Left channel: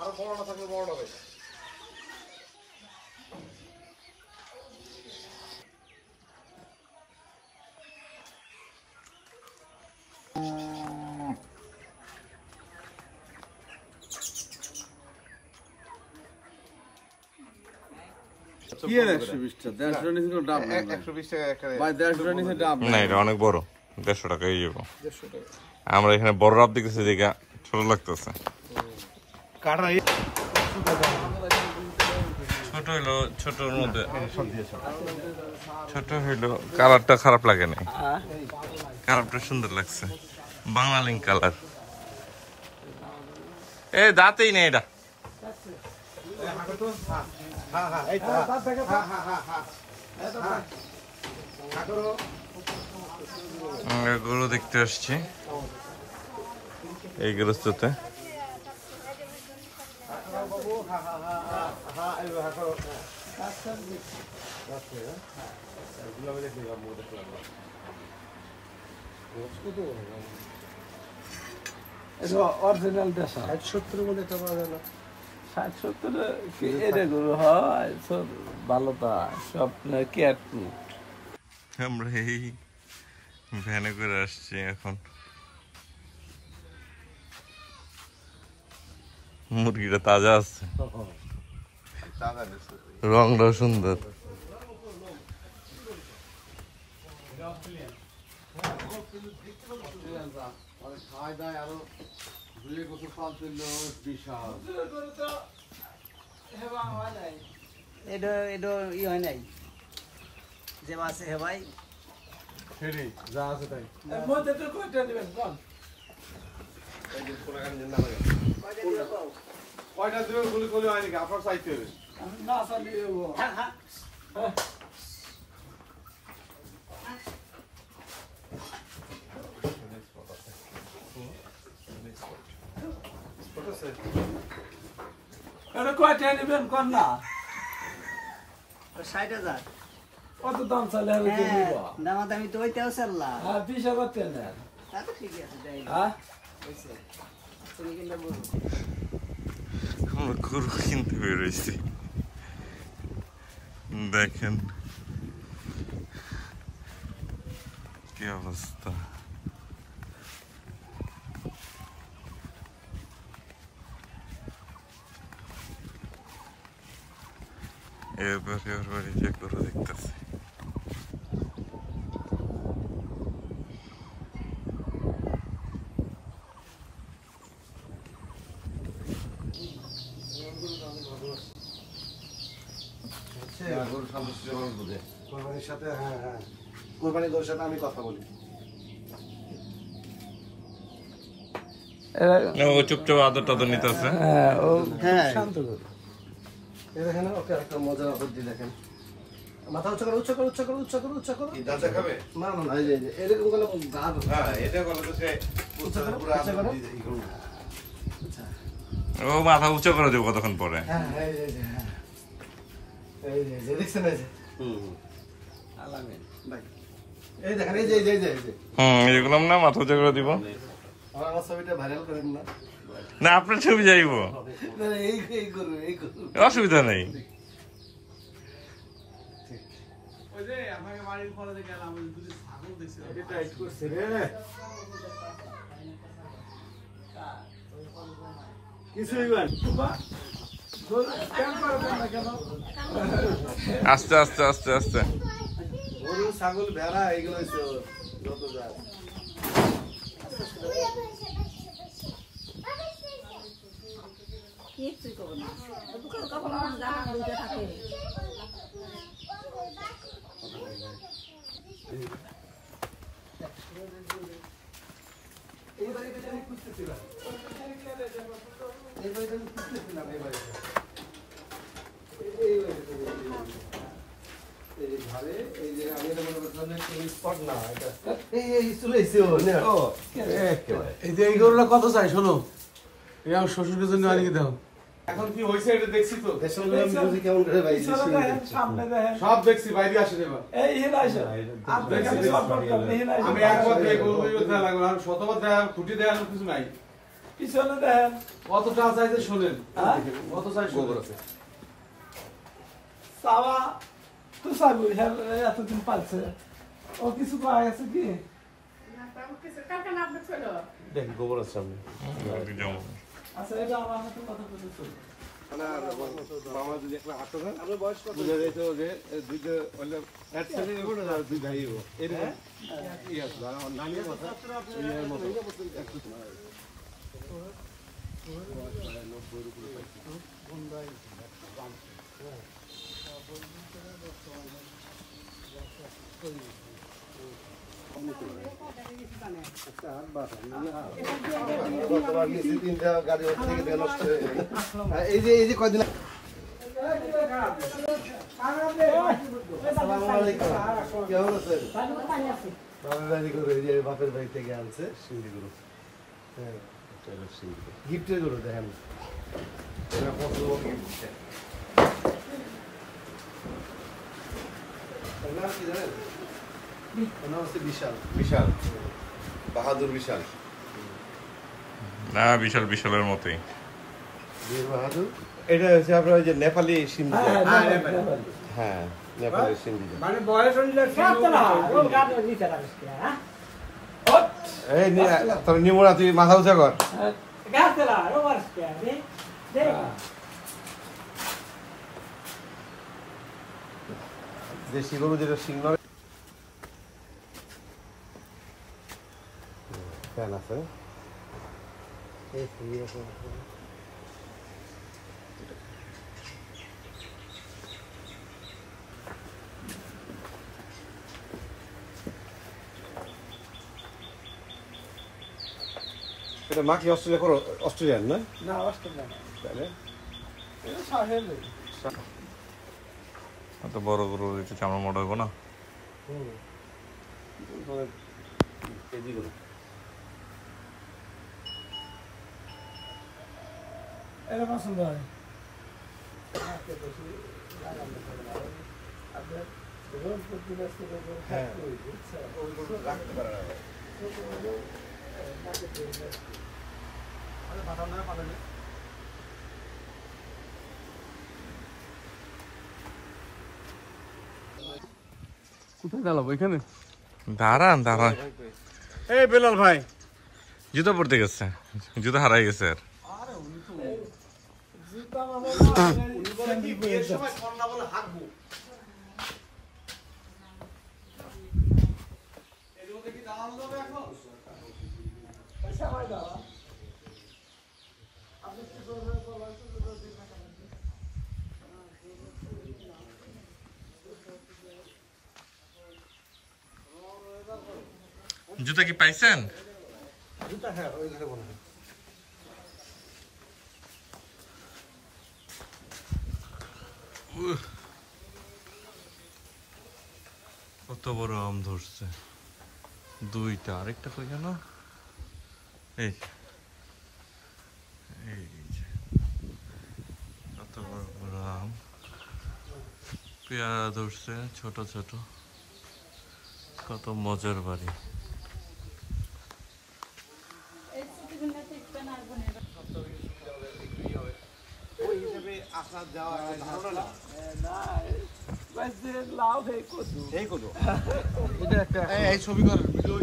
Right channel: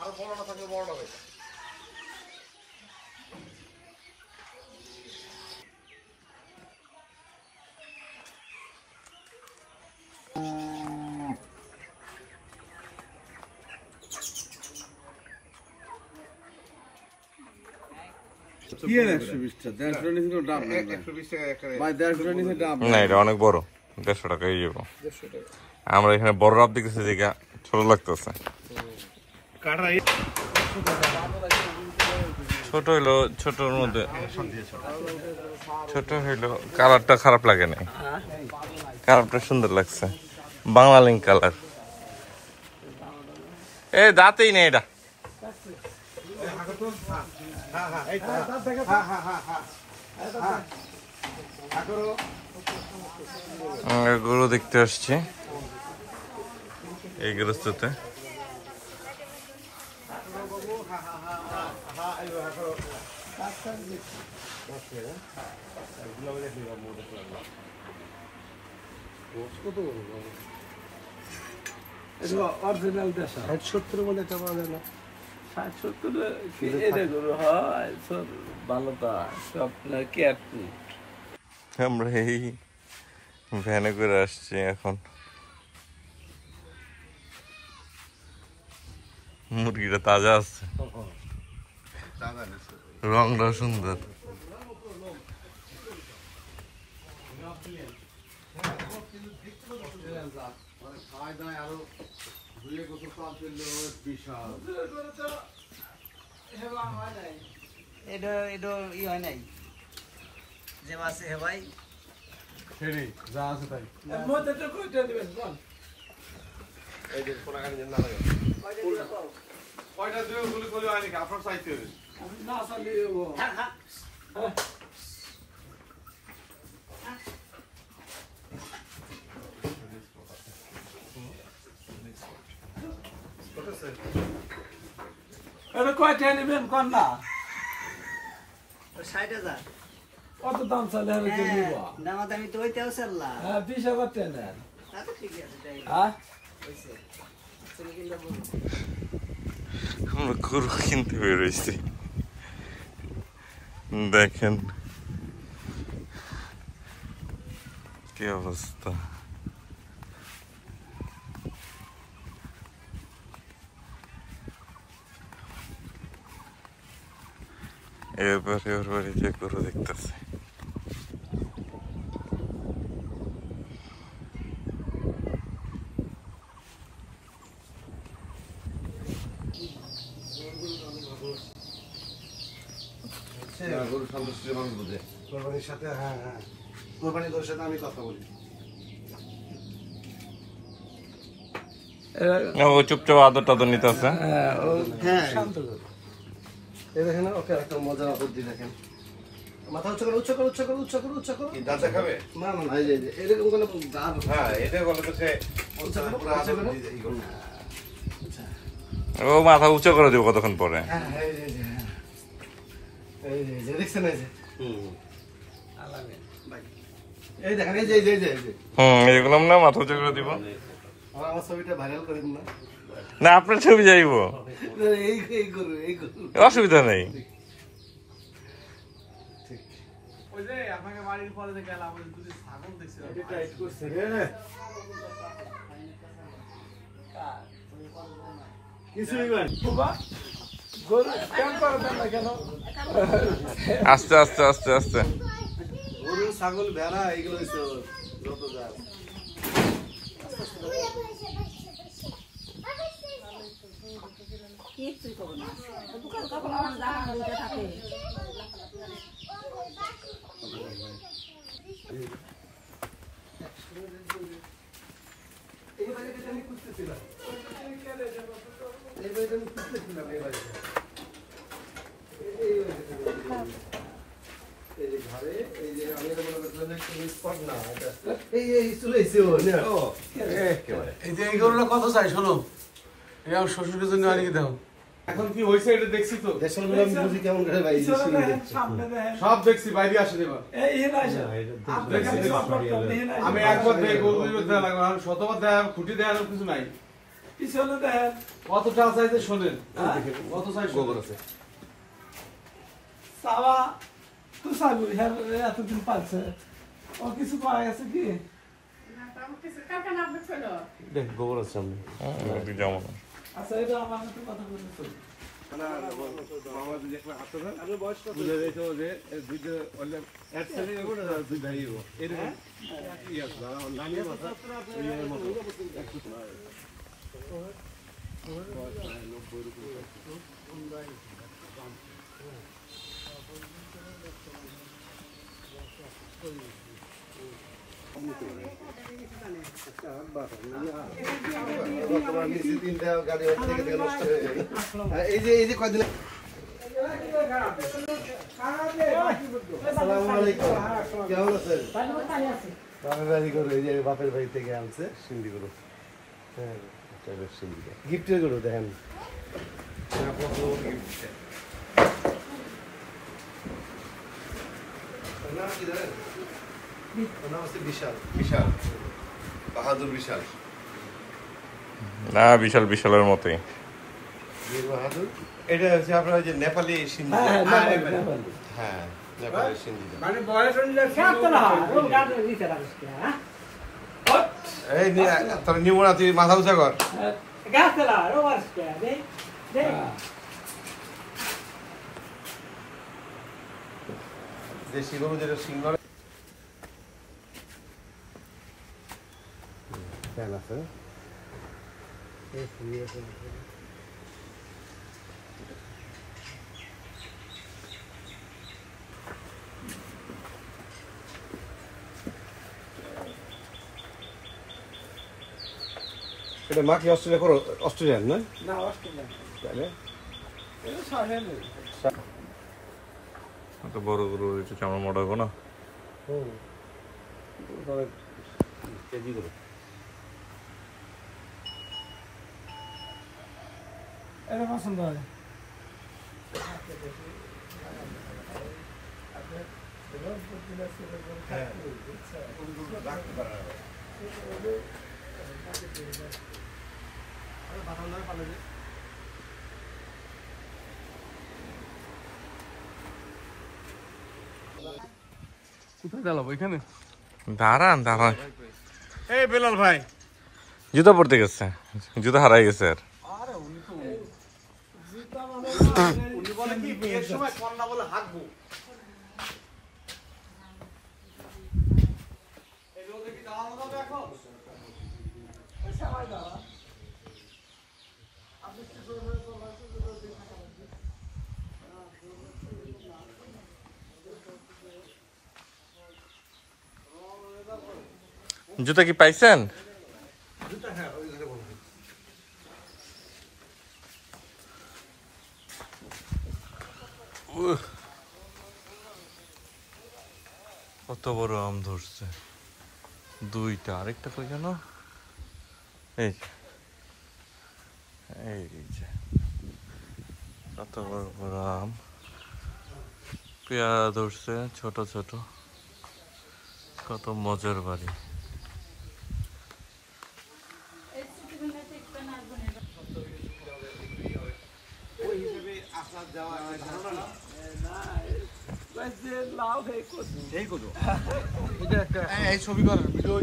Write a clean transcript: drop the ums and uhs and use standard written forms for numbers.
আরো বড়টা থাকলে বড়টা হবে। অনেক বড় 150 টাকা যাবো আমরা এখানে বড় রাত দেখেছি জায়গা ছোট লাগতেছে ছোট হইলো ছোটর মধ্যে ছোট হইলো কালারটা খারাপ লাগে না কালারটা সুন্দর লাগছে বাংলা লিঙ্ক কালার এ দাঁতেই নেই এটা গরু দেখতে আসছি এই গৃহস্থতে অরিজিনাল 60-70 বলে কেমন হয় না 60-70 এটা গরু হয় সব ভালো তো সব কি একটু আমরা এই ভ্যানে করে আসছি এখন মুরগিটা তাজা আছে রংটা সুন্দর এটা ই হয় নাই যে মাছ হে ভাই যা আছে তাই মধ্যে তো কইতে দিবেন কোন এই যে পুরাগানি না লাগে কয়টা দিও গুলি গুলি হয় নাকি আপনার চাইতে হবে না চালিয়েও এটা কয়টা নেবেন কোন না 60,000 কত দাম চালে আমি কি নিব দামাদামি তো ওইটাও চাল্লা হ্যাঁ 20,000 টাকা তা তো ঠিক আছে তাই হ্যাঁ তুমি কিনলে বলো আমরা গরু কিনতে বেরোইছি দেখেন কি অবস্থা এবারে ওর বাড়ি যে গরু দেখতেছে কোরবানির সাথে হ্যাঁ হ্যাঁ কোরবানির দোর সাথে আমি কথা বলি ও চুপচাপ আদর টাদর নিতেছে হ্যাঁ এই দেখেন ওকে একটা মজার বুদ্ধি দেখেন মাথা উচ্চ করো উচ্চ করো উচ্চ করো উচ্চ করো উচ্চ করো দাঁতে খাবে না না না এই যে এরকম কোনো গান হ্যাঁ এটা বলে তো সে উচ্চ করো উচ্চ করো ও মাথা উঁচু করে দেবো কতক্ষণ পরে হ্যাঁ এই যে এই যে দেখছেন এই যে এই দেখেন এই যে এই যে এগুলো না মাথা উঁচু করে দিব আমার ছবিটা ভাইরাল করেন না না আপনার ছবি যাইব এই করো অসুবিধা নেই আস্তে আস্তে আস্তে আস্তে গরু ছাগল ভেড়া এইগুলো যত যা কিছুই করবো না দোকান কাপড় আমার জামা দুইটা থাকে কত চাই শোনো শ্বশুরকে জন্য আনিয়ে দাও এখন কি হয়েছে এটা দেখছি তো কেমন করে ভাই সব দেখছি বাইরে আসে দেবা আমি একবার শতবার দেয় খুঁটি দেওয়ার কিছু নাই পিছনে দেখেন কতটা চাইতে শোনেন হ্যাঁ? কত চাই গোবর আছে চাওয়া তো চালু এতদিন পাচ্ছে ও কিছু পাওয়া গেছে কি দেখ গোবর আছে যেমন আচ্ছা এটা আমার সাথে কথা বলতে তিনটা গাড়ি নষ্ট হয়ে গেল এই যে কয়দিন আসসালামু আলাইকুম কেমন আছেন বাপের বাড়ি গরু এই যে বাপের বাড়ি থেকে আনছে সিন্ধি গরু হ্যাঁ গিফটের গরু দেখেন নাম কি জানেন নাম হচ্ছে বিশাল বিশাল বাহাদুর বিশাল না বিশাল বিশালের মতোই বাহাদুর এটা হচ্ছে আপনার ওই যে নেপালি সিন্ধি হ্যাঁ হ্যাঁ নেপালি সিন্ধি মানে বয়স অনুযায়ী তো না ও গাড়ি দিতে রাখিস হ্যাঁ এই তোর নিমোনা তুই মাথা উঁচা কর গাছ না ও আসছে দে দে দেশি গরু যেটা সিংহ ফ্যান আছে এটা মা কি অস্ট্রেলিয়া করো অস্ট্রেলিয়ান না না অস্ট্রেলিয়া তাহলে এটা সাহেল এত বড় গরু একটু চামড়া মোটা হবো না কেজি করে এটা পছন্দ হয় কোথায় গেল ওইখানে দাঁড়ান দাঁড়ান এই বেলাল ভাই জুতো পড়তে গেছে জুতো হারাই গেছে আর জুতো কি পাইছেন কত বড় আম ধরছে দুইটা আরেকটা কই জানো এই এই যে কত বড় বড় আম পেয়ারা ধরছে ছোট ছোট কত মজার বাড়ি লাভ এই কত এই ছবি কর ভিডিও